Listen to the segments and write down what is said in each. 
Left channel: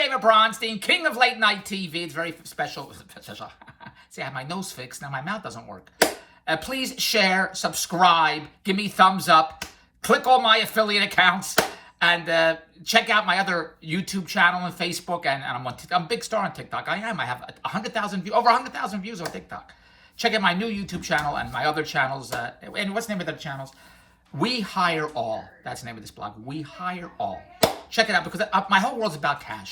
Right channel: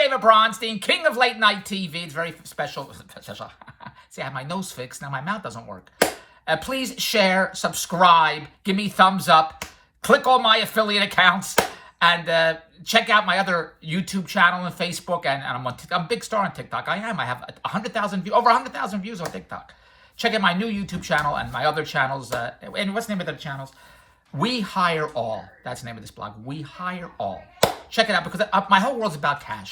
David Bronstein, king of late night TV. It's very special. See, I have my nose fixed. Now my mouth doesn't work. Please share, subscribe, give me thumbs up, click on my affiliate accounts, and check out my other YouTube channel and Facebook. And I'm a big star on TikTok. I am. I have 100,000 views, over 100,000 views on TikTok. Check out my new YouTube channel and my other channels. And what's the name of the channels? We Hire All. That's the name of this blog. We Hire All. Check it out because my whole world's about cash.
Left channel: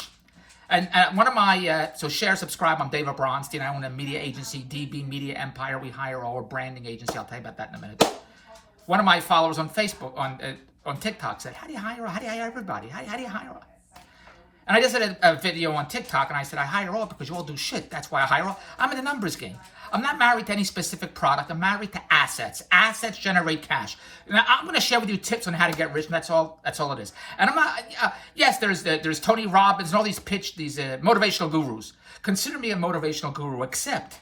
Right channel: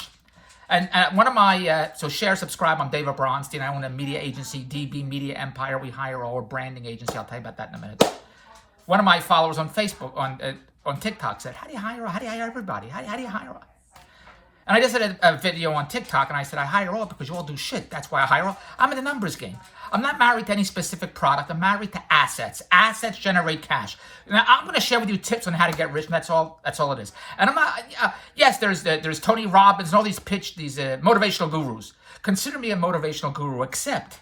And one of my, so share, subscribe. I'm David Bronstein. I own a media agency, DB Media Empire. We Hire All, a branding agency. I'll tell you about that in a minute. One of my followers on Facebook, on TikTok said, how do you hire everybody? How do you hire all? And I just did a video on TikTok, and I said, I hire all because you all do shit. That's why I hire all. I'm in the numbers game. I'm not married to any specific product. I'm married to assets. Assets generate cash. Now, I'm going to share with you tips on how to get rich, and that's all it is. And I'm not, yes, there's Tony Robbins and all these motivational gurus. Consider me a motivational guru, except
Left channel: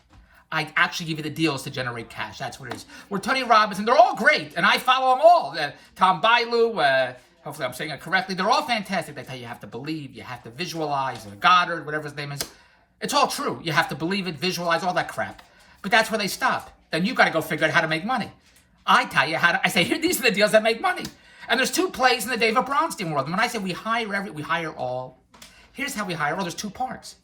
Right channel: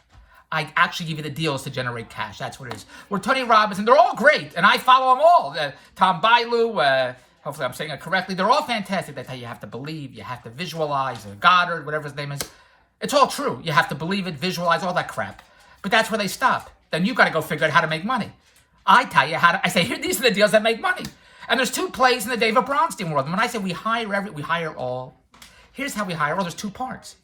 I actually give you the deals to generate cash. That's what it is. We're Tony Robbins, and they're all great, and I follow them all. Tom Bilyeu, hopefully I'm saying it correctly. They're all fantastic. They tell you have to believe, you have to visualize, or Goddard, whatever his name is. It's all true. You have to believe it, visualize, all that crap. But that's where they stop. Then you got to go figure out how to make money. I tell you I say, here, these are the deals that make money. And there's two plays in the David Bronstein world. And when I say we hire all, here's how we hire all. There's two parts.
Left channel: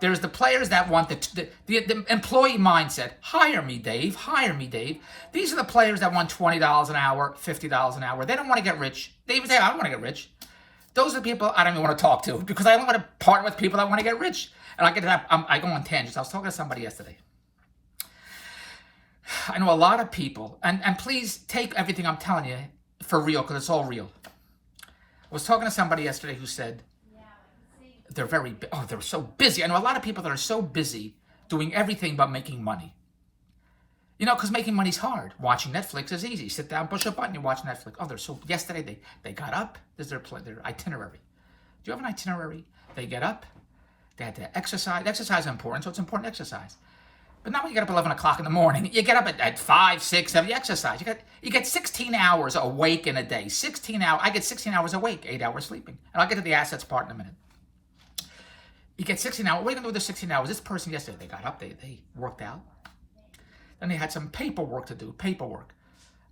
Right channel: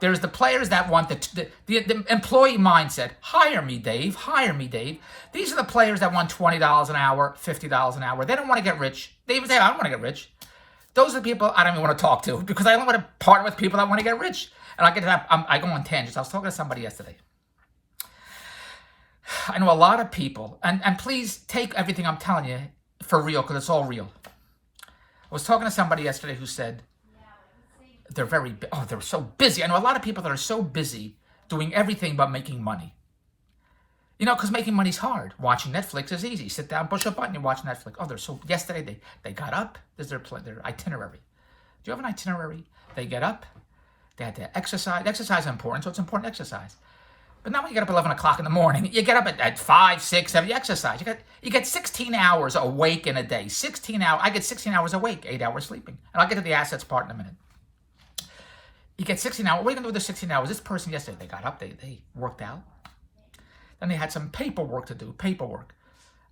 There's the players that want the employee mindset. Hire me, Dave. Hire me, Dave. These are the players that want $20 an hour, $50 an hour. They don't want to get rich. They even say, I don't want to get rich. Those are the people I don't even want to talk to because I only want to partner with people that want to get rich. And I go on tangents. I was talking to somebody yesterday. I know a lot of people, and please take everything I'm telling you for real because it's all real. I was talking to somebody yesterday who said, they're so busy. I know a lot of people that are so busy doing everything but making money. You know, because making money's hard. Watching Netflix is easy. Sit down, push a button, you watch Netflix. Oh, yesterday they got up. This is their itinerary. Do you have an itinerary? They get up. They had to exercise. Exercise is important, so it's important to exercise. But not when you get up at 11 o'clock in the morning. You get up at 5, 6, 7, you exercise. You get 16 hours awake in a day. 16 hours. I get 16 hours awake, 8 hours sleeping. And I'll get to the assets part in a minute. You get 16 hours. What are you going to do with the 16 hours? This person yesterday, they got up, they worked out. Then they had some paperwork to do, paperwork.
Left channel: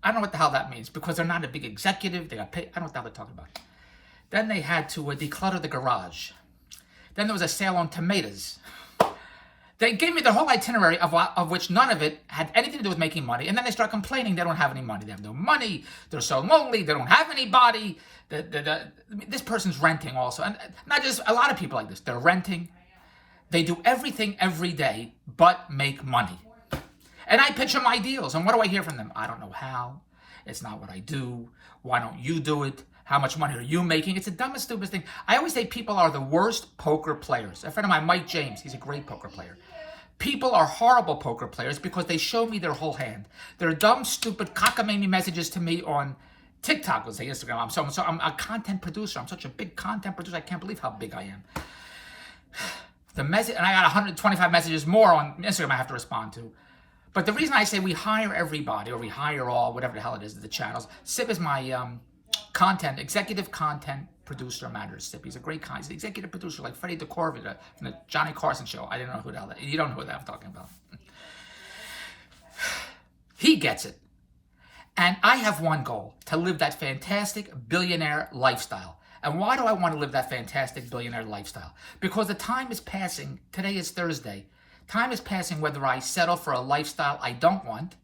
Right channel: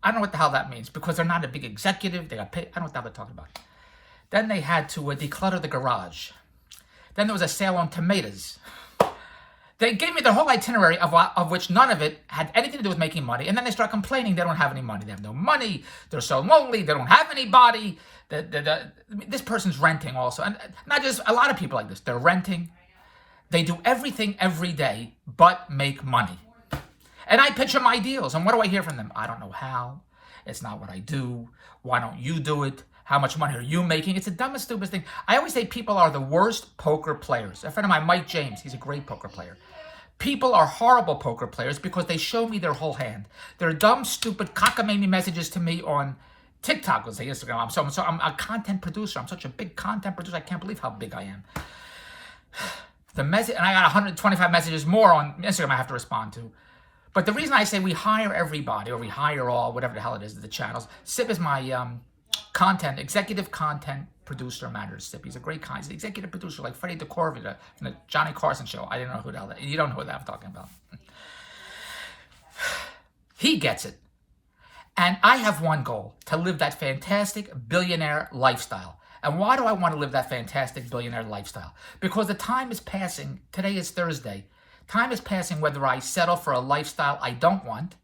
I don't know what the hell that means because they're not a big executive. They got paid. I don't know what the hell they're talking about. Then they had to declutter the garage. Then there was a sale on tomatoes. They gave me the whole itinerary of which none of it had anything to do with making money. And then they start complaining they don't have any money. They have no money. They're so lonely. They don't have anybody. This person's renting also. And not just a lot of people like this. They're renting. They do everything every day but make money. And I pitch them my deals. And what do I hear from them? I don't know how. It's not what I do. Why don't you do it? How much money are you making? It's the dumbest, stupidest thing. I always say people are the worst poker players. A friend of mine, Mike James, he's a great poker player. People are horrible poker players because they show me their whole hand. They're dumb, stupid, cockamamie messages to me on TikTok, let's say Instagram. I'm a content producer. I'm such a big content producer. I can't believe how big I am. And I got 125 messages more on Instagram I have to respond to. But the reason I say we hire everybody, or we hire all, whatever the hell it is, the channels. Sip is my executive content producer manager. Sip, he's a great he's an executive producer like Freddie DeCorvita from the Johnny Carson show. I didn't know who the hell that. You don't know who that I'm talking about. He gets it. And I have one goal, to live that fantastic billionaire lifestyle. And why do I want to live that fantastic billionaire lifestyle? Because the time is passing. Today is Thursday. Time is passing whether I settle for a lifestyle I don't want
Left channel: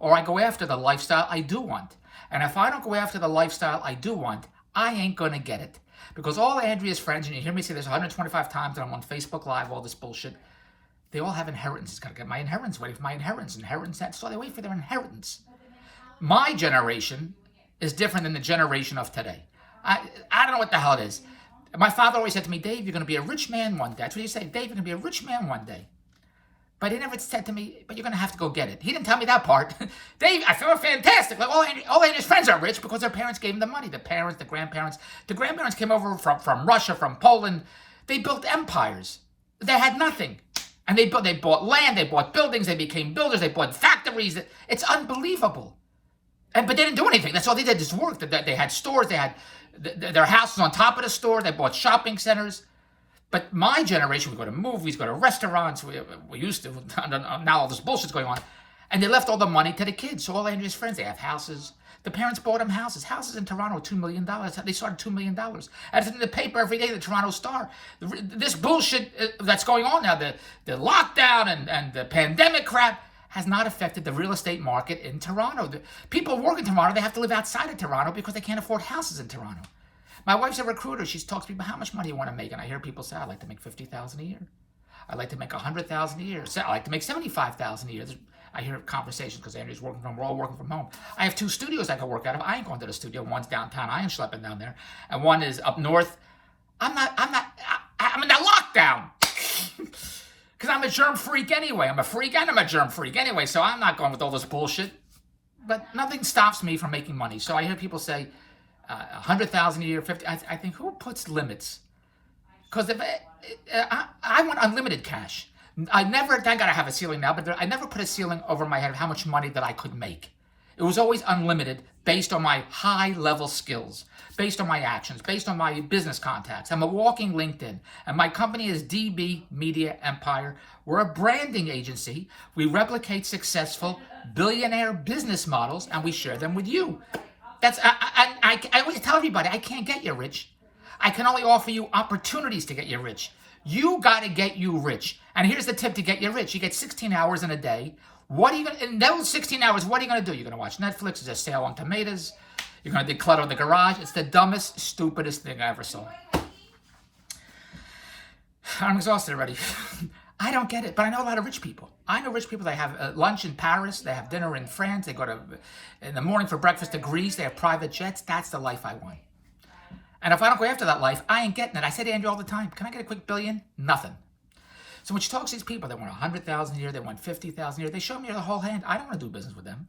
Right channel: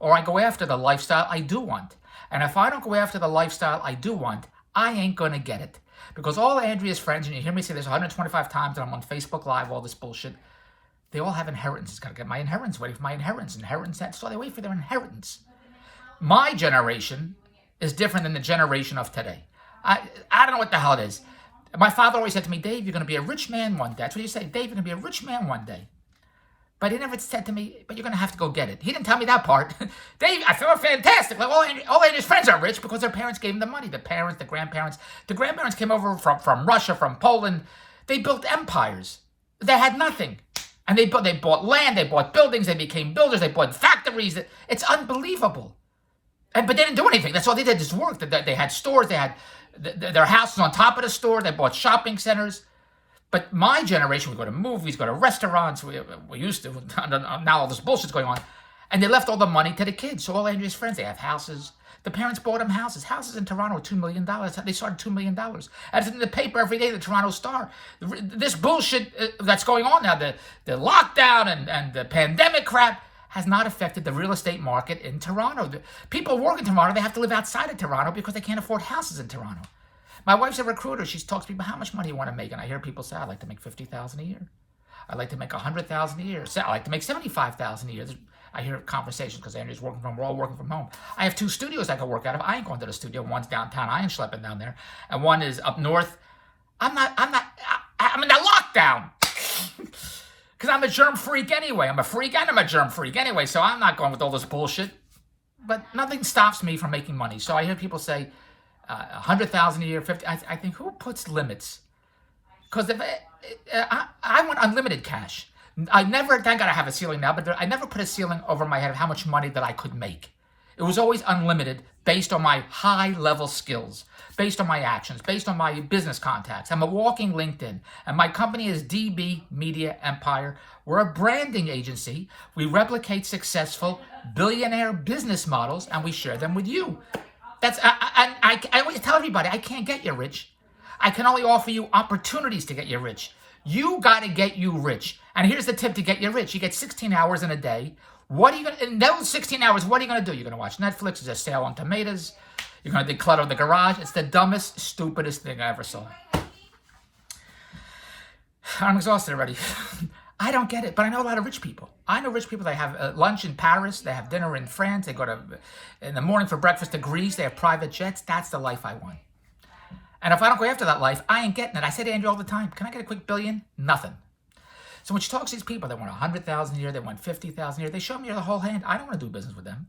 or I go after the lifestyle I do want. And if I don't go after the lifestyle I do want, I ain't going to get it. Because all Andrea's friends, and you hear me say this 125 times, and I'm on Facebook Live, all this bullshit, they all have inheritances. Got to get my inheritance, waiting for my inheritance. So they wait for their inheritance. My generation is different than the generation of today. I don't know what the hell it is. My father always said to me, Dave, you're going to be a rich man one day. That's what he said. Dave, you're going to be a rich man one day. But he never said to me, but you're going to have to go get it. He didn't tell me that part. Dave, I feel fantastic. Like all Andrew's friends are rich because their parents gave them the money. The parents, the grandparents. The grandparents came over from Russia, from Poland. They built empires. They had nothing. And they bought land, they bought buildings, they became builders, they bought factories. It's unbelievable. But they didn't do anything. That's all they did, just work. They had stores, they had their houses on top of the store, they bought shopping centers. But my generation, we go to movies, go to restaurants. We used to. Now all this bullshit's going on. And they left all the money to the kids. So all Andrea's friends, they have houses. The parents bought them houses. Houses in Toronto, $2 million. They started $2 million. And it's in the paper every day, the Toronto Star. This bullshit that's going on now, the lockdown and the pandemic crap, has not affected the real estate market in Toronto. People work in Toronto, they have to live outside of Toronto because they can't afford houses in Toronto. My wife's a recruiter. She talks to people, how much money you want to make? And I hear people say, I'd like to make $50,000 a year. I'd like to make $100,000 a year. I'd like to make $75,000 a year. I hear conversations because Andrew's working from, we're all working from home. I have 2 studios I can work out of. I ain't going to the studio. One's downtown. I ain't schlepping down there. And one is up north. I'm in that lockdown. Because I'm a germ freak anyway. I'm a freak and I'm a germ freak anyway. So I'm not going with all this bullshit. But nothing stops me from making money. So I hear people say, $100,000 a year, 50. I think, who puts limits? Because if I want unlimited cash. I never, thank God I have a ceiling now, but I never put a ceiling over my head of how much money that I could make. It was always unlimited based on my high-level skills, based on my actions, based on my business contacts. I'm a walking LinkedIn, and my company is DB Media Empire. We're a branding agency. We replicate successful billionaire business models, and we share them with you. I always tell everybody, I can't get you rich. I can only offer you opportunities to get you rich. You got to get you rich. And here's the tip to get you rich. You get 16 hours in a day. In those 16 hours, what are you going to do? You're going to watch Netflix. There's a sale on tomatoes. You're going to declutter the garage. It's the dumbest, stupidest thing I ever saw. I'm exhausted already. I don't get it, but I know a lot of rich people. I know rich people that have lunch in Paris. They have dinner in France. They go in the morning for breakfast to Greece. They have private jets. That's the life I want. And if I don't go after that life, I ain't getting it. I say to Andrew all the time, can I get a quick billion? Nothing. So when she talks to these people, they want $100,000 a year, they want $50,000 a year, they show me the whole hand. I don't want to do business with them.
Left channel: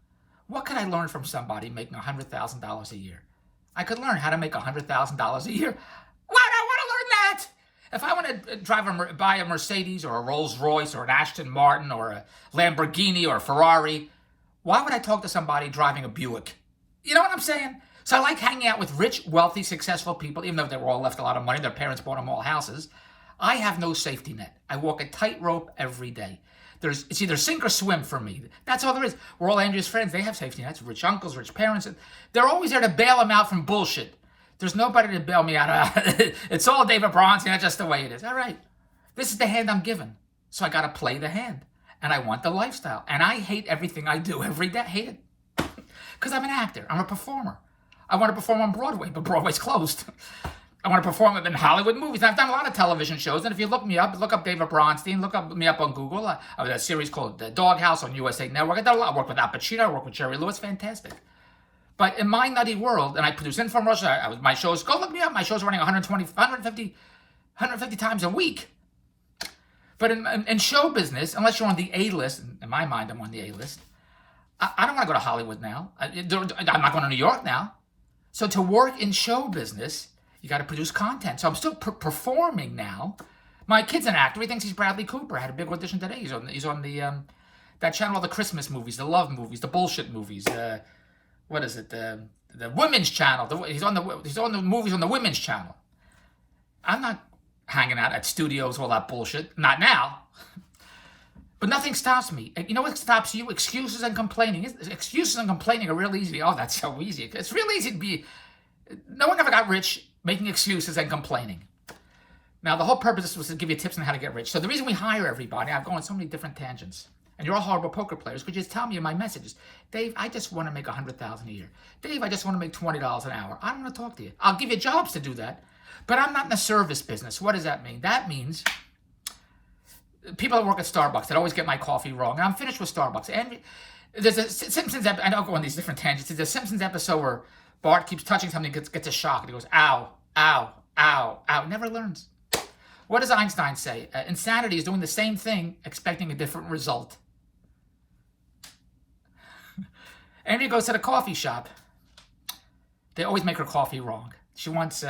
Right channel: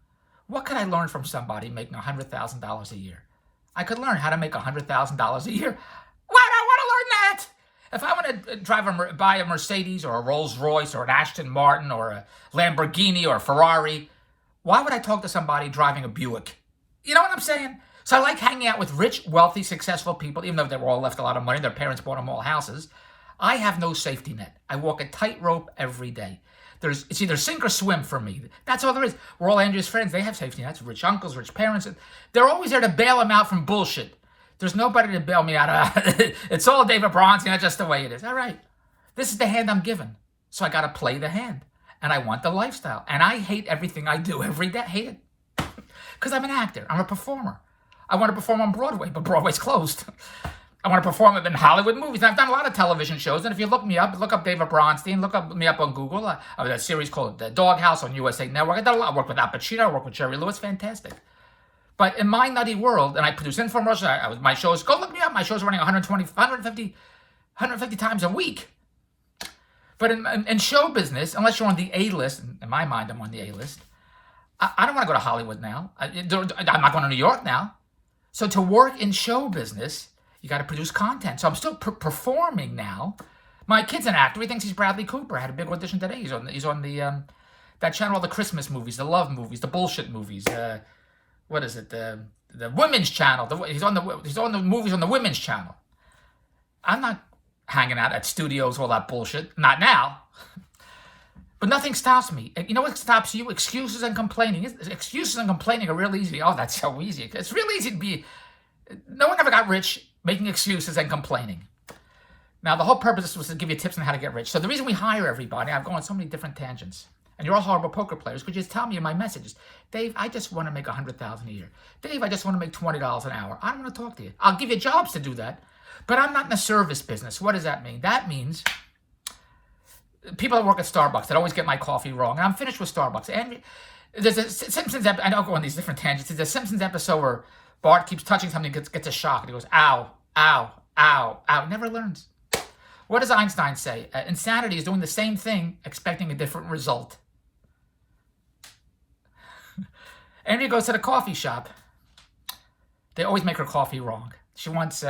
What could I learn from somebody making $100,000 a year? I could learn how to make $100,000 a year. Why do I want to learn that? If I want to buy a Mercedes or a Rolls Royce or an Aston Martin or a Lamborghini or a Ferrari, why would I talk to somebody driving a Buick? You know what I'm saying? So I like hanging out with rich, wealthy, successful people, even though they were all left a lot of money. Their parents bought them all houses. I have no safety net. I walk a tightrope every day. It's either sink or swim for me. That's all there is. We're all Andrew's friends. They have safety nets. Rich uncles, rich parents. They're always there to bail them out from bullshit. There's nobody to bail me out of. It's all David Bronstein. That's just the way it is. All right. This is the hand I'm given. So I got to play the hand. And I want the lifestyle. And I hate everything I do every day. I hate it. Because I'm an actor. I'm a performer. I want to perform on Broadway, but Broadway's closed. I want to perform in Hollywood movies. And I've done a lot of television shows. And if you look up David Bronstein, me up on Google. I have a series called The Doghouse on USA Network. I did a lot of work with Al Pacino. I worked with Jerry Lewis. Fantastic. But in my nutty world, and I produce infomercials, my shows, go look me up. My shows are running 150 times a week. But in show business, unless you're on the A-list, in my mind, I'm on the A-list, I don't want to go to Hollywood now. I'm not going to New York now. So to work in show business, you got to produce content. So I'm still performing now. My kid's an actor. He thinks he's Bradley Cooper. I had a big audition today. He's on the that channel, all the Christmas movies, the love movies, the bullshit movies. What is it? The women's channel. He's on the movies on the women's channel. I'm not hanging out at studios, all that bullshit. Not now. But nothing stops me. You know what stops you? Excuses and complaining. Excuses and complaining are real easy. Oh, that's so easy. It's real easy to be... No one ever got rich making excuses and complaining. Now, the whole purpose was to give you tips on how to get rich. So the reason we hire everybody, I've gone on so many different tangents. And you're all horrible poker players. Could you just tell me in my messages, Dave, I just want to make $100,000 a year. Dave, I just want to make $20 an hour. I don't want to talk to you. I'll give you jobs to do that. But I'm not in the service business. What does that mean? That means... people that work at Starbucks that always get my coffee wrong. And I'm finished with Starbucks. And there's a Simpsons episode, and I'll go on these different tangents. There's a Simpsons episode where Bart keeps touching something, gets a shock, and he goes, ow, ow, ow, ow. He never learns. What does Einstein say? Insanity is doing the same thing, expecting a different result. Andrea goes to the coffee shop. They always make her coffee wrong. She wants...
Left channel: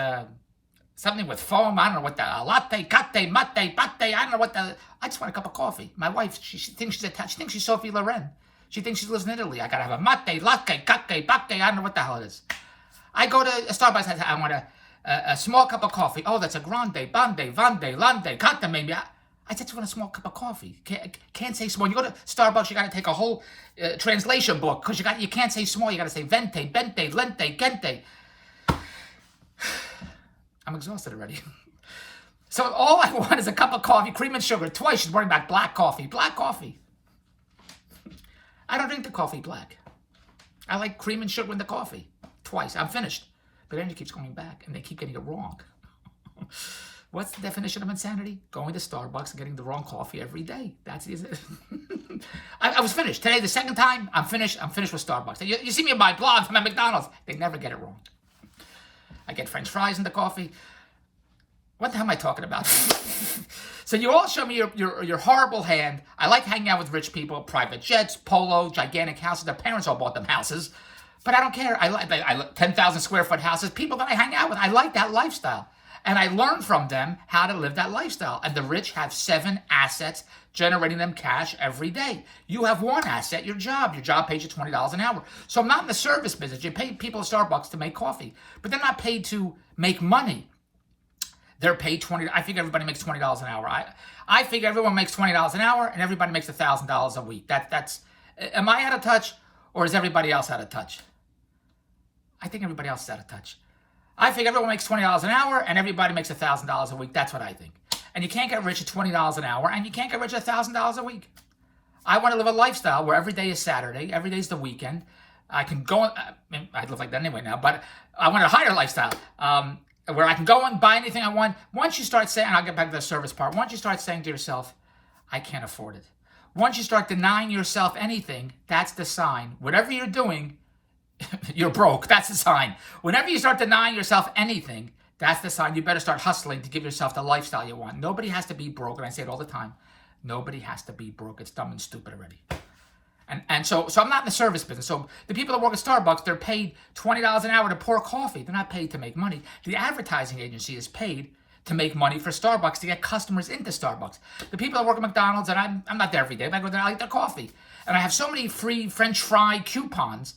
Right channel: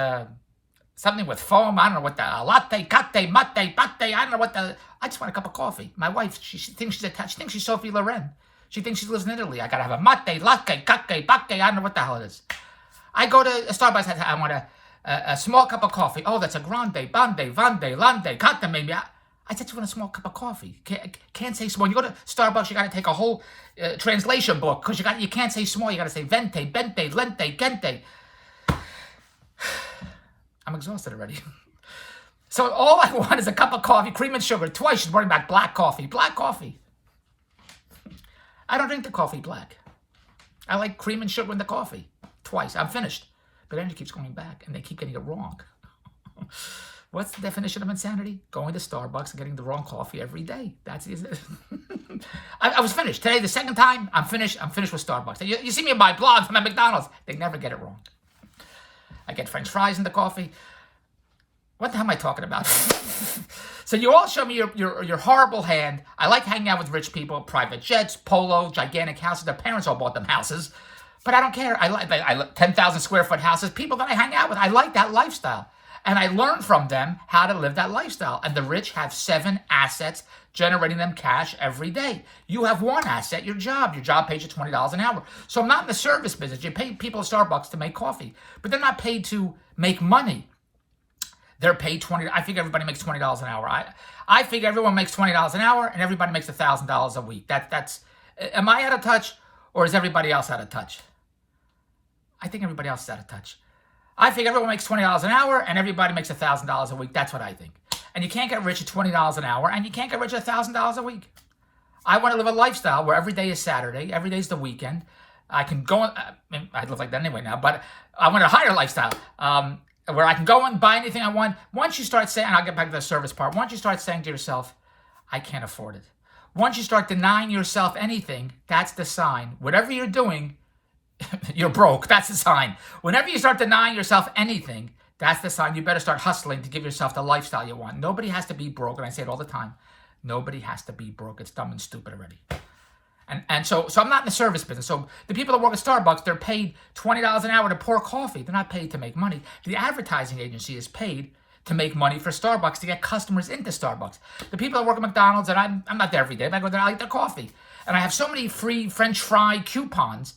something with foam. I don't know what the latte, catte, mate, pate. I don't know what the. I just want a cup of coffee. My wife, she thinks she's attached. She thinks she's Sophie Loren. She thinks she lives in Italy. I gotta have a mate, latte, catte, pate. I don't know what the hell it is. I go to Starbucks. I want a small cup of coffee. Oh, that's a grande, bande, vande, lande, cata maybe. I said, you want a small cup of coffee. Can't say small. You go to Starbucks, you got to take a whole translation book because you can't say small. You got to say vente, bente, lente, gente. I'm exhausted already. So all I want is a cup of coffee, cream and sugar. Twice she's worrying about black coffee. Black coffee. I don't drink the coffee black. I like cream and sugar in the coffee. Twice. I'm finished. But then it keeps going back, and they keep getting it wrong. What's the definition of insanity? Going to Starbucks and getting the wrong coffee every day. That's it. I was finished. Today, the second time, I'm finished. I'm finished with Starbucks. You see me in my blog from at McDonald's. They never get it wrong. I get French fries in the coffee. What the hell am I talking about? So you all show me your horrible hand. I like hanging out with rich people, private jets, polo, gigantic houses. Their parents all bought them houses. But I don't care. I like 10,000 square foot houses. People that I hang out with, I like that lifestyle. And I learn from them how to live that lifestyle. And the rich have 7 assets generating them cash every day. You have 1 asset, your job. Your job pays you $20 an hour. So I'm not in the service business. You pay people at Starbucks to make coffee. But they're not paid to make money. They're paid $20. I think everybody makes $20 an hour. I figure everyone makes $20 an hour and everybody makes $1,000 a week. That's. Am I out of touch or is everybody else out of touch? I think everybody else is out of touch. I think everyone makes $20 an hour and everybody makes $1,000 a week. That's what I think. And you can't get rich at $20 an hour and you can't get rich at $1,000 a week. I want to live a lifestyle where every day is Saturday, every day is the weekend. I can go, I live like that anyway now, but I want a higher lifestyle where I can go and buy anything I want. Once you start saying, and I'll get back to the service part, once you start saying to yourself, I can't afford it. Once you start denying yourself anything, that's the sign. Whatever you're doing, you're broke. That's the sign. Whenever you start denying yourself anything, that's the sign. You better start hustling to give yourself the lifestyle you want. Nobody has to be broke, and I say it all the time. Nobody has to be broke. It's dumb and stupid already. And so I'm not in the service business. So the people that work at Starbucks, they're paid $20 an hour to pour coffee. They're not paid to make money. The advertising agency is paid to make money for Starbucks, to get customers into Starbucks. The people that work at McDonald's, and I'm not there every day, but I go there, I like their coffee. And I have so many free French fry coupons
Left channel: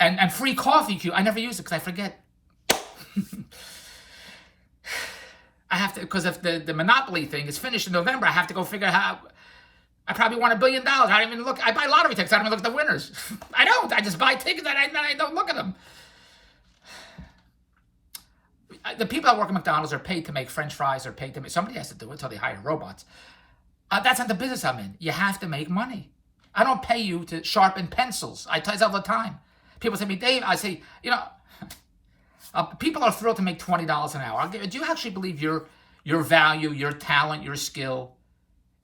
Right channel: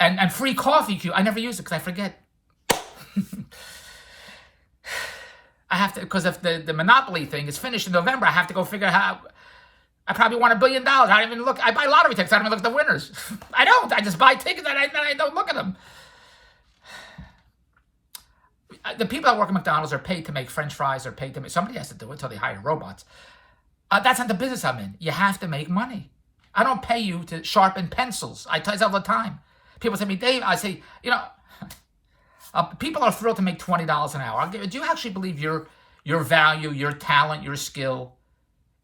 and free coffee I never use it because I forget. I have to, because if the Monopoly thing is finished in November, I have to go figure out how. I probably won $1 billion. I don't even look. I buy lottery tickets. I don't even look at the winners. I don't. I just buy tickets and I don't look at them. The people that work at McDonald's are paid to make French fries. They're paid to make. Somebody has to do it until they hire robots. That's not the business I'm in. You have to make money. I don't pay you to sharpen pencils. I tell you all the time. People say to me, Dave, I say, people are thrilled to make $20 an hour. Do you actually believe your value, your talent, your skill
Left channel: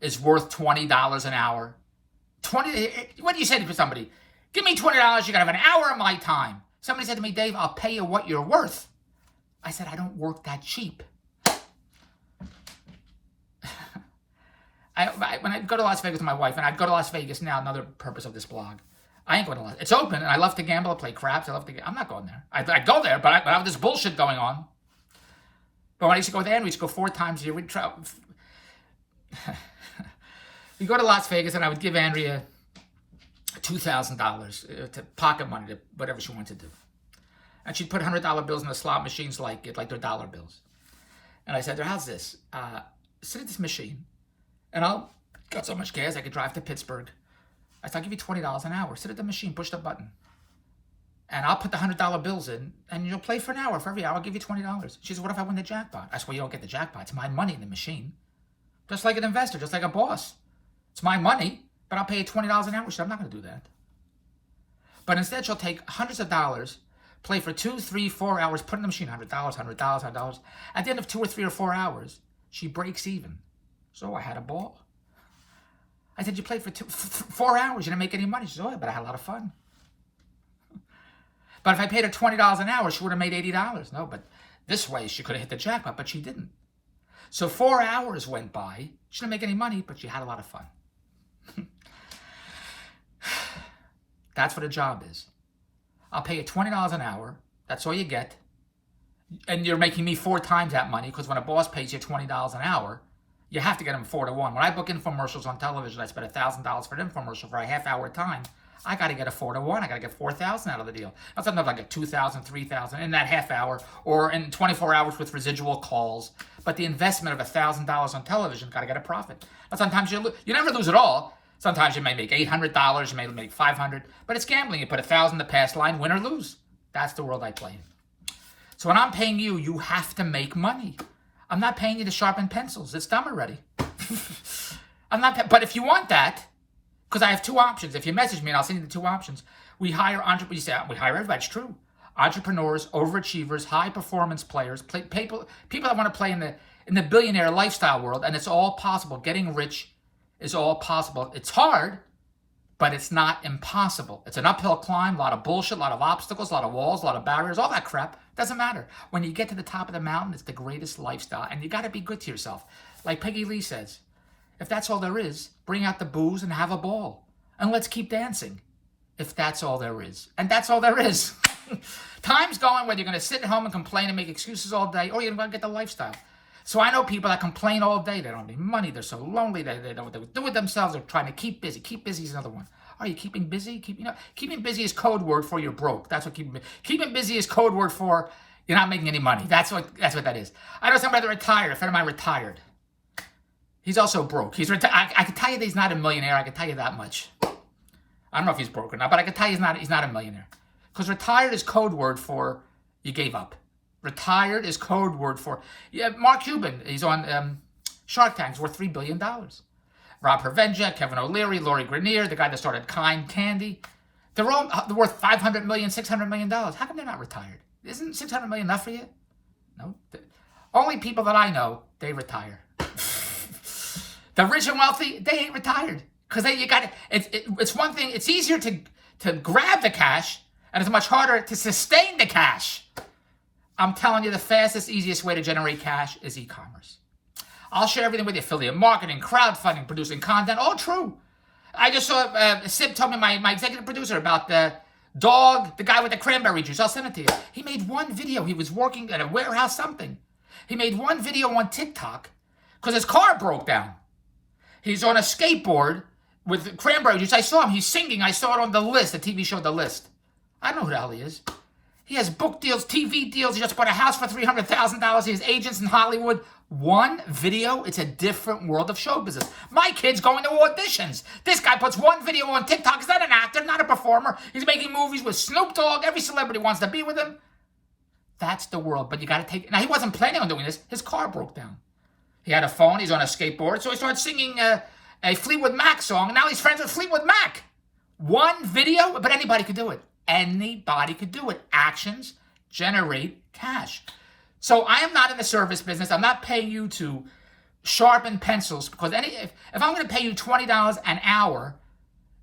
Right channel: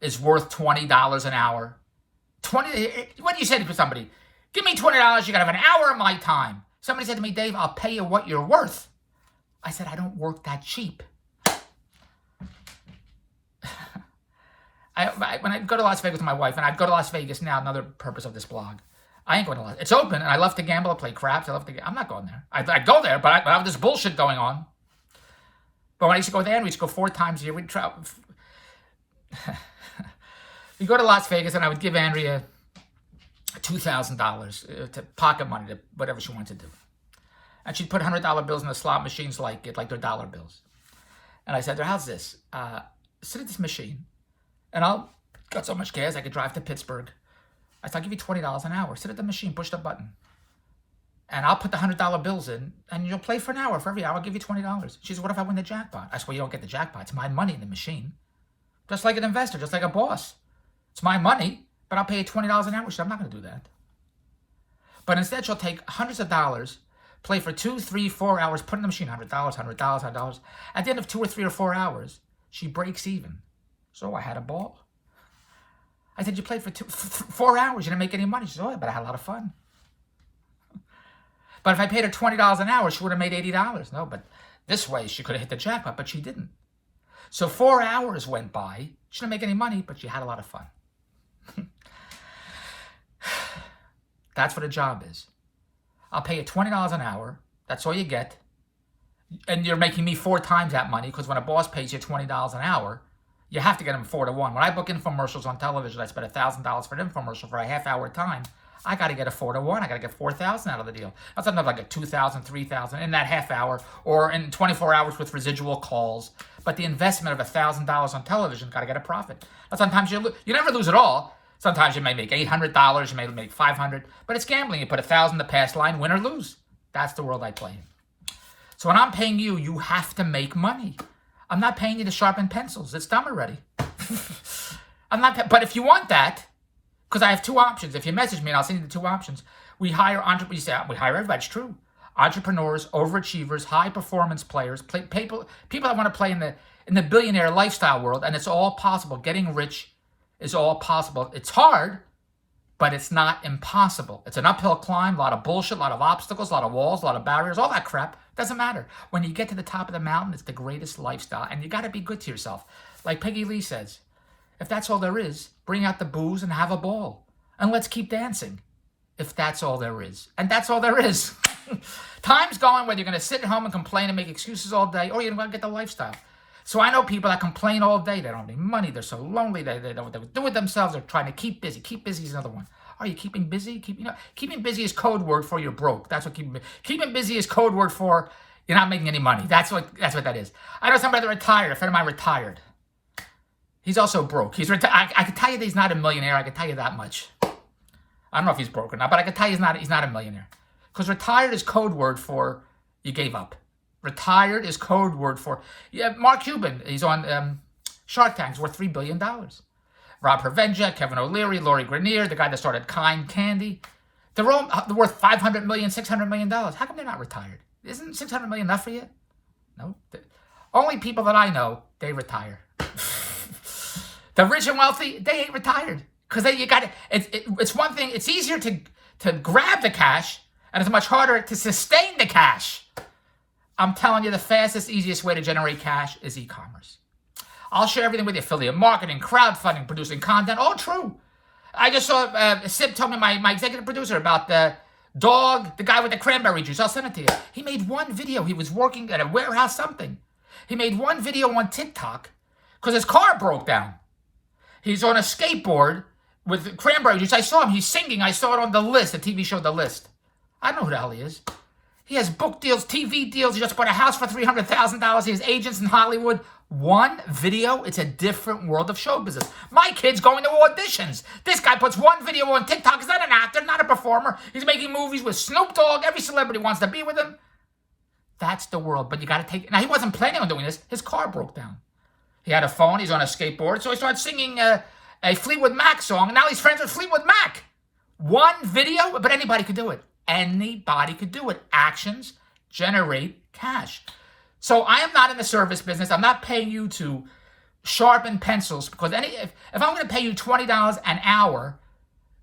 is worth $20 an hour? What do you say to somebody? Give me $20, you gotta have an hour of my time. Somebody said to me, Dave, I'll pay you what you're worth. I said, I don't work that cheap. When I go to Las Vegas with my wife, and I'd go to Las Vegas now, another purpose of this blog, I ain't going to Las Vegas. It's open, and I love to gamble, I play craps, I'm not going there. I go there, but I have this bullshit going on. But when I used to go there, we used to go 4 times a year. We'd travel. You go to Las Vegas, and I would give Andrea $2,000 to pocket money, to whatever she wanted to do. And she'd put $100 bills in the slot machines like they're dollar bills. And I said to her, how's this? Sit at this machine, and I'll got so much gas I could drive to Pittsburgh. I said, I'll give you $20 an hour. Sit at the machine, push the button. And I'll put the $100 bills in, and you'll play for an hour. For every hour, I'll give you $20. She said, what if I win the jackpot? I said, well, you don't get the jackpot. It's my money in the machine. Just like an investor, just like a boss. It's my money, but I'll pay you $20 an hour. She said, I'm not going to do that. But instead, she'll take hundreds of dollars, play for 2, 3, 4 hours, put in the machine $100, $100. At the end of 2 or 3 or 4 hours, she breaks even. So I had a ball. I said, you played for 4 hours, you didn't make any money. She said, oh, yeah, but I had a lot of fun. But if I paid her $20 an hour, she would have made $80. No, but this way, she could have hit the jackpot, but she didn't. So 4 hours went by. She didn't make any money, but she had a lot of fun. That's what a job is. I'll pay you $20 an hour. That's all you get. And you're making me 4 times that money, because when a boss pays you $20 an hour, you have to get them 4 to 1. When I book infomercials on television, I spend $1,000 for an infomercial for a half-hour time. I got to get a 4-to-1. I got to get 4,000 out of the deal. Now, sometimes I get 2,000, 3,000 in that half hour or in 24 hours with residual calls. But the investment of $1,000 on television got to get a profit. Now, sometimes you never lose it all. Sometimes you may make $800, you may make $500, but it's gambling. You put 1,000 the pass line, win or lose. That's the world I play in. So when I'm paying you, you have to make money. I'm not paying you to sharpen pencils. It's done already. But if you want that, because I have two options. If you message me and I'll send you the two options. We hire entrepreneurs. You say, we hire everybody. It's true. Entrepreneurs, overachievers, high performance players, people that want to play in the billionaire lifestyle world, and it's all possible. Getting rich is all possible. It's hard, but it's not impossible. It's an uphill climb, a lot of bullshit, a lot of obstacles, a lot of walls, a lot of barriers, all that crap. Doesn't matter. When you get to the top of the mountain, it's the greatest lifestyle, and you got to be good to yourself. Like Peggy Lee says, if that's all there is, bring out the booze and have a ball. And let's keep dancing. If that's all there is. And that's all there is. Time's going whether you're going to sit at home and complain and make excuses all day, or you're going to get the lifestyle. So I know people that complain all day. They don't have any money. They're so lonely. They don't know what they would do with themselves. They're trying to keep busy. Keep busy is another one. Are you keeping busy? Keeping busy is code word for you're broke. That's what keeping busy is code word for you're not making any money. That's what that is. I know somebody that retired. A friend of mine retired. He's also broke. He's retired. I can tell you that he's not a millionaire. I can tell you that much. I don't know if he's broke or not, but I can tell you he's not a millionaire. Because retired is code word for you gave up. Retired is code word for Mark Cuban. He's on Shark Tank. He's worth $3 billion. Rob Hervenja, Kevin O'Leary, Lori Grenier, the guy that started Kind Candy. They're all worth $500 million, $600 million. How come they're not retired? Isn't $600 million enough for you? No. Only people that I know, they retire. The rich and wealthy, they ain't retired. Because it's one thing, it's easier to grab the cash, and it's much harder to sustain the cash. I'm telling you, the fastest, easiest way to generate cash is e-commerce. I'll share everything with you. Affiliate marketing, crowdfunding, producing content, all true. I just saw, Sid told me, my executive producer, about the dog, the guy with the cranberry juice. I'll send it to you. He made one video. He was working at a warehouse, something. He made one video on TikTok because his car broke down. He's on a skateboard with cranberry juice. I saw him. He's singing. I saw it on The List, the TV show The List. I don't know who the hell he is. He has book deals, TV deals. He just bought a house for $300,000. He has agents in Hollywood. One video, it's a different world of show business. My kid's going to auditions. This guy puts one video on TikTok. He's not an actor, not a performer. He's making movies with Snoop Dogg. Every celebrity wants to be with him. That's the world. But you got to take... Now, he wasn't planning on doing this. His car broke down. He had a phone. He's on a skateboard. So he started singing a Fleetwood Mac song. And now he's friends with Fleetwood Mac. One video, but anybody could do it. Anybody could do it. Actions generate cash. So I am not in the service business. I'm not paying you to sharpen pencils, because if I'm going to pay you $20 an hour,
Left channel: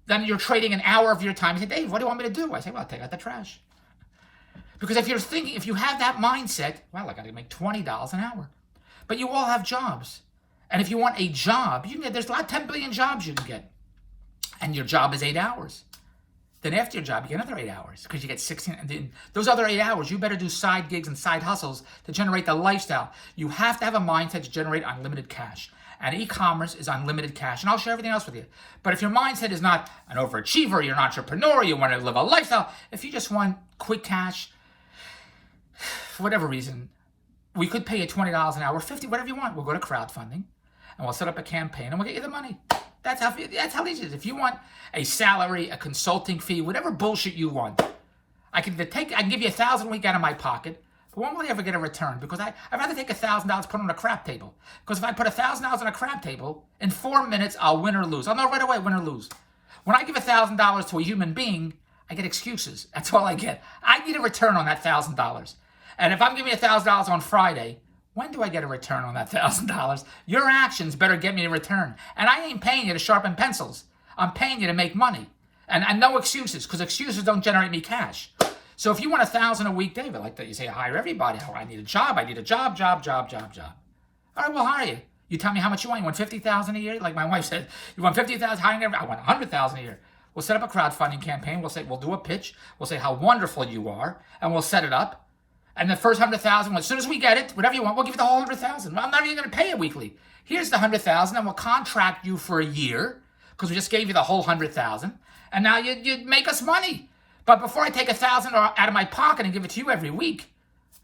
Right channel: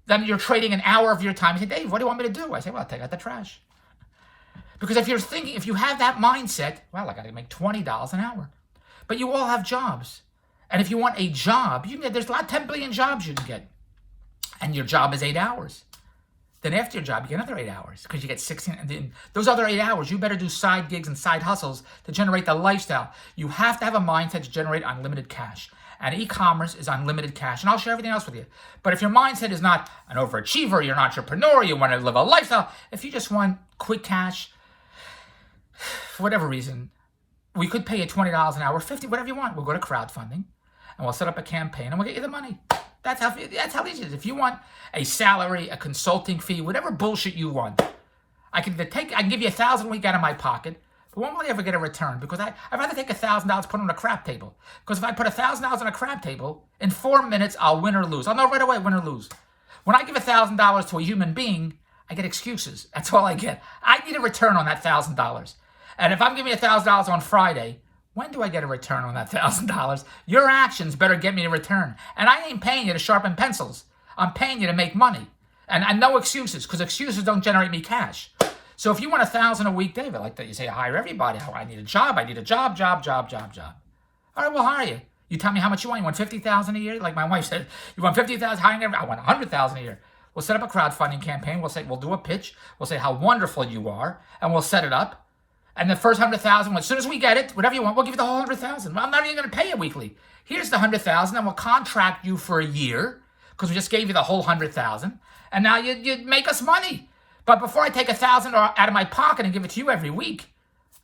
then you're trading an hour of your time. You say, Dave, what do you want me to do? I say, well, take out the trash. Because if you have that mindset, well, I got to make $20 an hour. But you all have jobs. And if you want a job, you can get, there's 10 billion jobs you can get. And your job is 8 hours. Then after your job, you get another 8 hours because you get 16. And then those other 8 hours, you better do side gigs and side hustles to generate the lifestyle. You have to have a mindset to generate unlimited cash. And e-commerce is unlimited cash. And I'll share everything else with you. But if your mindset is not an overachiever, you're an entrepreneur, you want to live a lifestyle, if you just want quick cash, for whatever reason, we could pay you $20 an hour, $50, whatever you want. We'll go to crowdfunding and we'll set up a campaign and we'll get you the money. That's how easy it is. If you want a salary, a consulting fee, whatever bullshit you want, I can give you $1,000 a week out of my pocket, but when will I ever get a return? Because I'd rather take $1,000, put on a crap table. Because if I put $1,000 on a crap table, in 4 minutes, I'll win or lose. I'll know right away, win or lose. When I give $1,000 to a human being, I get excuses. That's all I get. I need a return on that $1,000. And if I'm giving you $1,000 on Friday, when do I get a return on that $1,000? Your actions better get me a return. And I ain't paying you to sharpen pencils. I'm paying you to make money. And no excuses, because excuses don't generate me cash. So if you want $1,000 a week, David, like that, you say, hire everybody. Oh, I need a job. All right, we'll hire you. You tell me how much you want. You want $50,000 a year? Like my wife said, you want $50,000 hiring everybody? I want $100,000 a year. We'll set up a crowdfunding campaign. We'll do a pitch. We'll say how wonderful you are, and we'll set it up. And the first $100,000, as soon as we get it, whatever you want, we'll give you the whole $100,000. Well, I'm not even going to pay you weekly. Here's the $100,000, and we'll contract you for a year, because we just gave you the whole $100,000. And now you make us money. But before I take $1,000 out of my pocket and give it to you every week,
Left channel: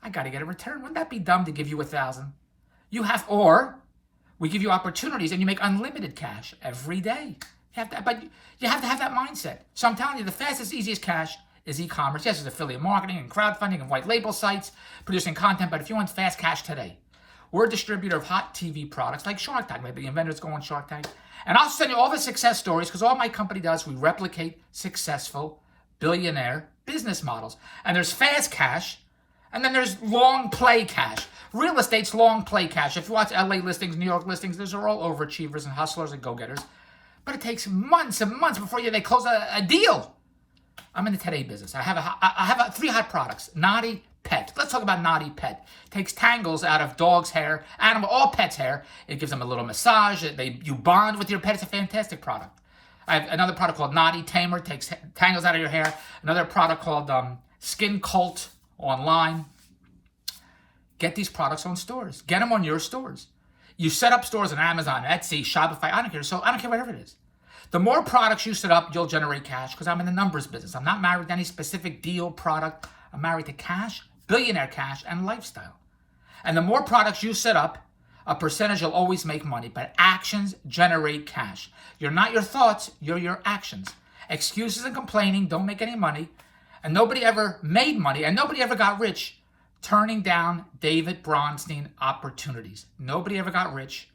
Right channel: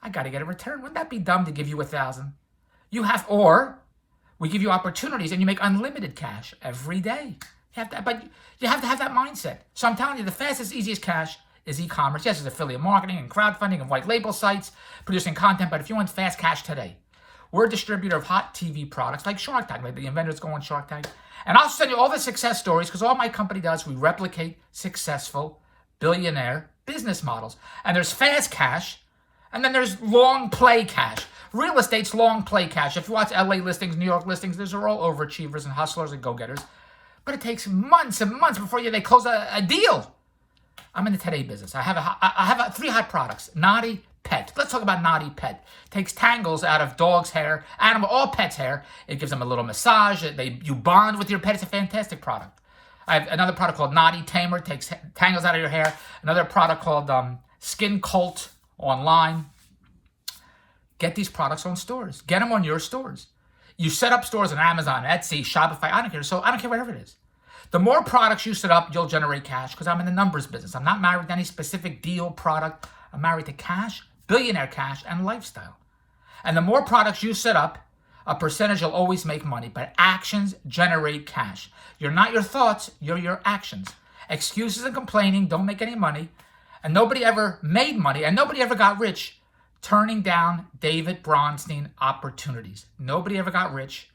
I got to get a return. Wouldn't that be dumb to give you $1,000? Or we give you opportunities and you make unlimited cash every day. But you have to have that mindset. So I'm telling you, the fastest, easiest cash is e-commerce. Yes, it's affiliate marketing and crowdfunding and white label sites, producing content. But if you want fast cash today, we're a distributor of hot TV products like Shark Tank. Maybe the inventors go on Shark Tank. And I'll send you all the success stories because all my company does, we replicate successful billionaire business models. And there's fast cash, and then there's long play cash. Real estate's long play cash. If you watch LA listings, New York listings, those are all overachievers and hustlers and go-getters. But it takes months and months before they close a deal. I'm in the today business. I have 3 hot products. Naughty Pet. Let's talk about Naughty Pet. Takes tangles out of dog's hair, all pets' hair. It gives them a little massage. You bond with your pet. It's a fantastic product. I have another product called Naughty Tamer. Takes tangles out of your hair. Another product called Skin Cult online. Get these products on stores. Get them on your stores. You set up stores on Amazon, Etsy, Shopify. I don't care. So I don't care whatever it is. The more products you set up, you'll generate cash because I'm in the numbers business. I'm not married to any specific deal product. I'm married to cash, billionaire cash, and lifestyle. And the more products you set up, a percentage will always make money. But actions generate cash. You're not your thoughts, you're your actions. Excuses and complaining don't make any money. And nobody ever made money, and nobody ever got rich turning down David Bronstein opportunities. Nobody ever got rich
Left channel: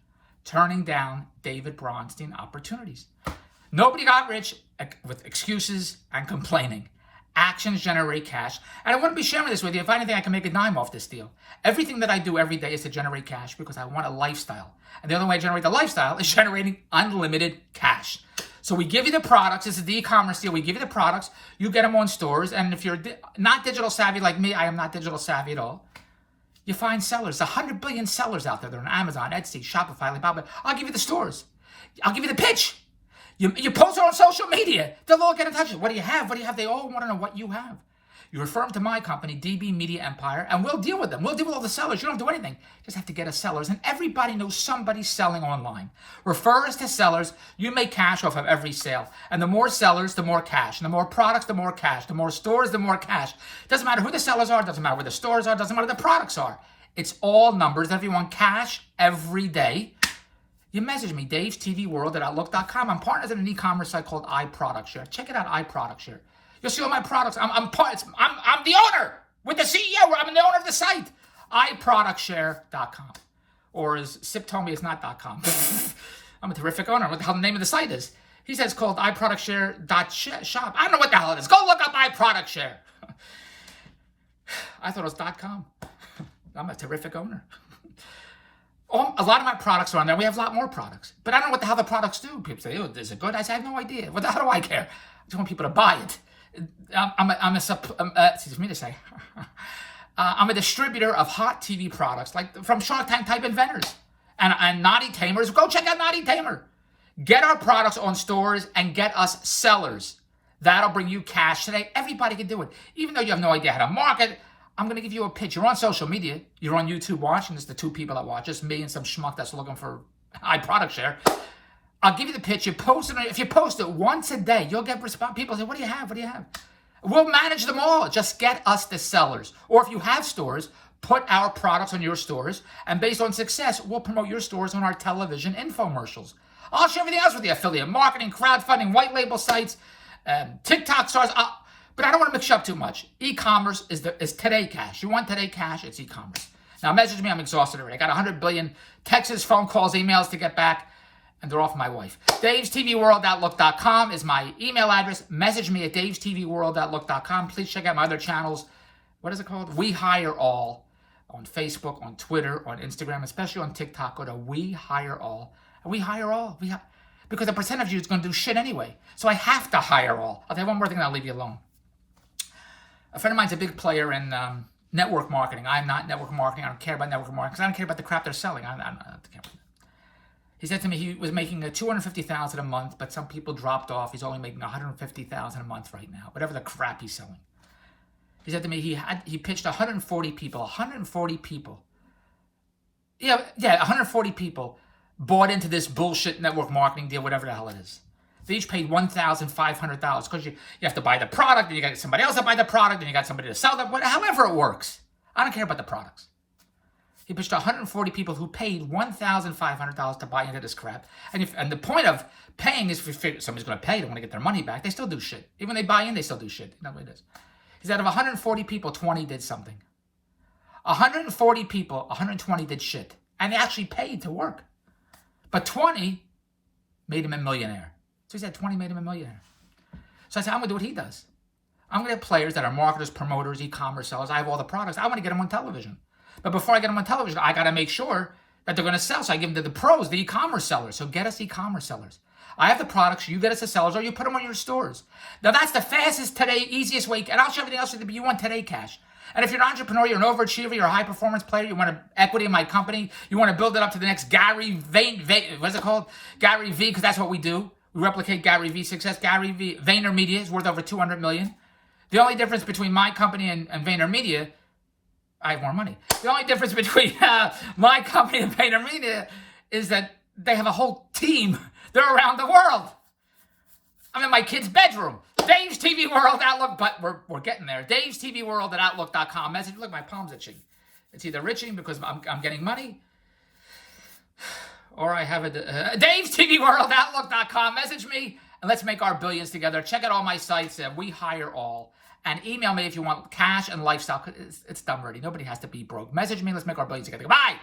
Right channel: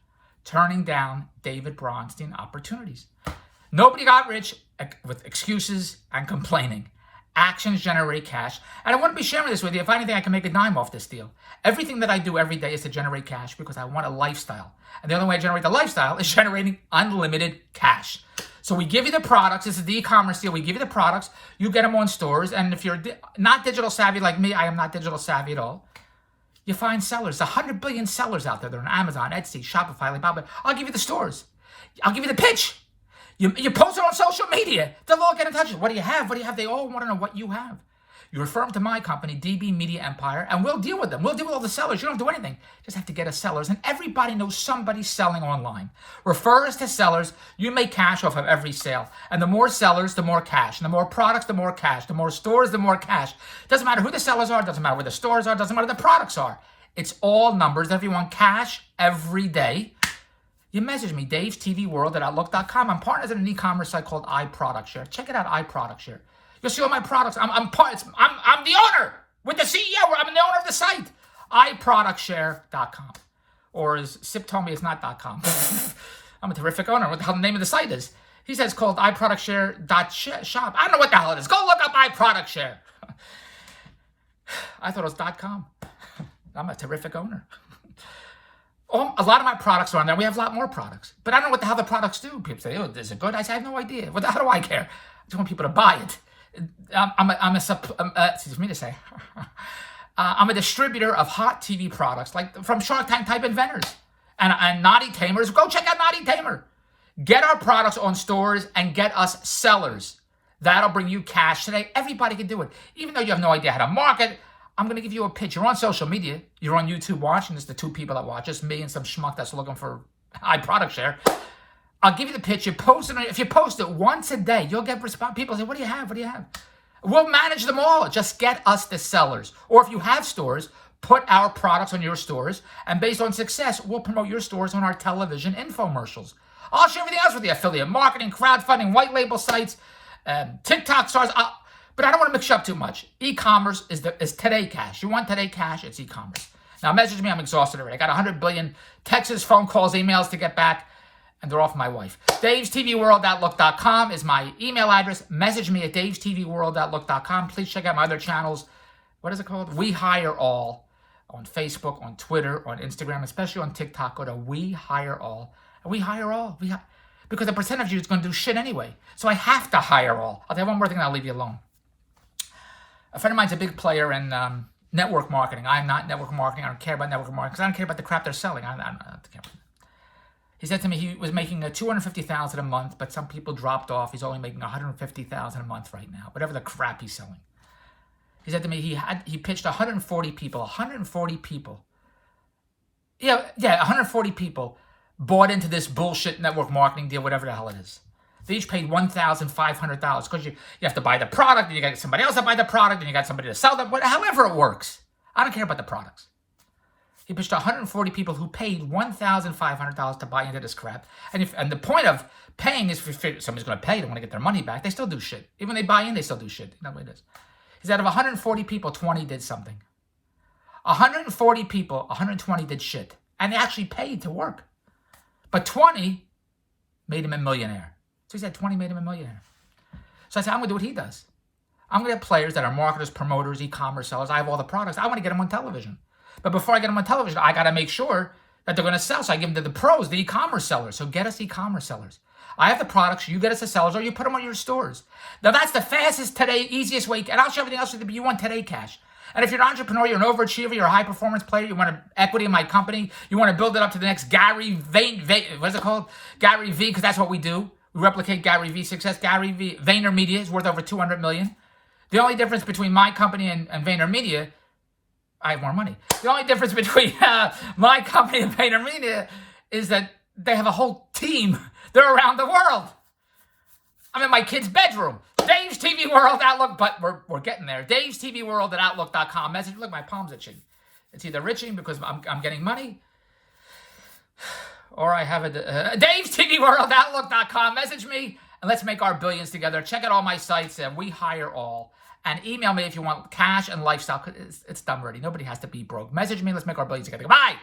turning down David Bronstein opportunities. Nobody got rich with excuses and complaining. Actions generate cash. And I wouldn't be sharing this with you if I didn't think I can make a dime off this deal. Everything that I do every day is to generate cash because I want a lifestyle. And the only way I generate the lifestyle is generating unlimited cash. So we give you the products. This is the e-commerce deal. We give you the products. You get them on stores. And if you're not digital savvy like me, I am not digital savvy at all. You find sellers. 100 billion sellers out there. They're on Amazon, Etsy, Shopify, Alibaba. I'll give you the stores. I'll give you the pitch. You post it on social media. They'll all get in touch with you. What do you have? What do you have? They all want to know what you have. You refer them to my company, DB Media Empire, and we'll deal with them. We'll deal with all the sellers. You don't have to do anything. Just have to get us sellers. And everybody knows somebody selling online. Refer us to sellers. You make cash off of every sale. And the more sellers, the more cash. And the more products, the more cash. The more stores, the more cash. Doesn't matter who the sellers are. Doesn't matter where the stores are. Doesn't matter what the products are. It's all numbers. Everyone cash every day. You message me, davestvworld@outlook.com. I'm partners in an e-commerce site called iProductShare. Check it out, iProductShare. You'll see all my products. I'm the owner with the CEO. I'm the owner of the site. iProductShare.com. Or as Sip told me, it's not .com. I'm a terrific owner. What the hell the name of the site is? He says it's called iProductShare.shop. I don't know what the hell it is. Go look up iProductShare. I thought it was .com. I'm a terrific owner. A lot of my products are on there. We have a lot more products. But I don't know what the hell the products do. People say, oh, is it good? I say, I have no idea. What the hell do I care? I just want people to buy it. Excuse me to say. I'm a distributor of hot TV products, like from Shark Tank type inventors and Naughty Tamers. Go check out Naughty Tamer. Get our products on stores and get us sellers. That'll bring you cash today. Everybody can do it. Even though you have no idea how to market, I'm going to give you a pitch. You're on social media. You're on YouTube watching. It's the 2 people that watch. Just me and some schmuck that's looking for iProductShare. I'll give you the pitch. You post it. If you post it once a day, you'll get response. People say, what do you have? What do you have? We'll manage them all. Just get us the sellers. Or if you have stores, put our products on your stores. And based on success, we'll promote your stores on our television infomercials. I'll share everything else with you. Affiliate marketing, crowdfunding, white label sites, TikTok stars. But I don't want to mix you up too much. E-commerce is today cash. You want today cash, it's e-commerce. Now message me, I'm exhausted already. I got 100 billion texts, phone calls, emails to get back, and they're off my wife. davestvworld@outlook.com is my email address. Message me at davestvworld@outlook.com. Please check out my other channels. What is it called? We Hire All on Facebook, on Twitter, on Instagram, especially on TikTok. Go to We Hire All. And we hire all. Because a percentage of you is going to do shit anyway. So I have to hire all. I'll tell you one more thing and I'll leave you alone. A friend of mine's a big player in network marketing. I'm not network marketing. I don't care about network marketing because I don't care about the crap they're selling. I don't care about that. He said to me he was making $250,000 a month, but some people dropped off. He's only making $150,000 a month right now, whatever the crap he's selling. He said to me he pitched 140 people. 140 people. Yeah, 140 people bought into this bullshit network marketing deal, whatever the hell it is. They each paid $1,500 because you have to buy the product, and you got somebody else to buy the product, and you got somebody to sell them. However it works. I don't care about the products. He pitched 140 people who paid $1,500 to buy into this crap. And the point of paying is if you figure somebody's going to pay, they want to get their money back. They still do shit. Even when they buy in, they still do shit. You know what it is. He said out of 140 people, 20 did something. 140 people, 120 did shit. And they actually paid to work. But 20 made him a millionaire. So he said 20 made him a millionaire. So I said, I'm going to do what he does. I'm going to have players that are marketers, promoters, e-commerce sellers. I have all the products. I want to get them on television. But before I get them on television, I got to make sure that they're going to sell. So I give them to the pros, the e-commerce sellers. So get us e-commerce sellers. I have the products. You get us the sellers, or you put them on your stores. Now, that's the fastest today, easiest way. And I'll show everything else that you want today cash. And if you're an entrepreneur, you're an overachiever, you're a high-performance player, you want equity in my company, you want to build it up to the next Gary what's it called? Gary V, because that's what we do. We replicate Gary V success. Gary V, VaynerMedia is worth over $200 million. The only difference between my company and VaynerMedia, I have more money. The only difference between my company and VaynerMedia is that they have a whole team. They're around the world. I'm in my kid's bedroom. Dave's TV World Outlook, but we're getting there. Dave's TV World at Outlook.com. Message. Look, my palm's itching. It's either itching because I'm getting money, or I have a Dave's TV World Outlook.com. Message me and let's make our billions together. Check out all my sites and we hire all. And email me if you want cash and lifestyle. It's done already. Nobody has to be broke. Message me. Let's make our billions together. Bye.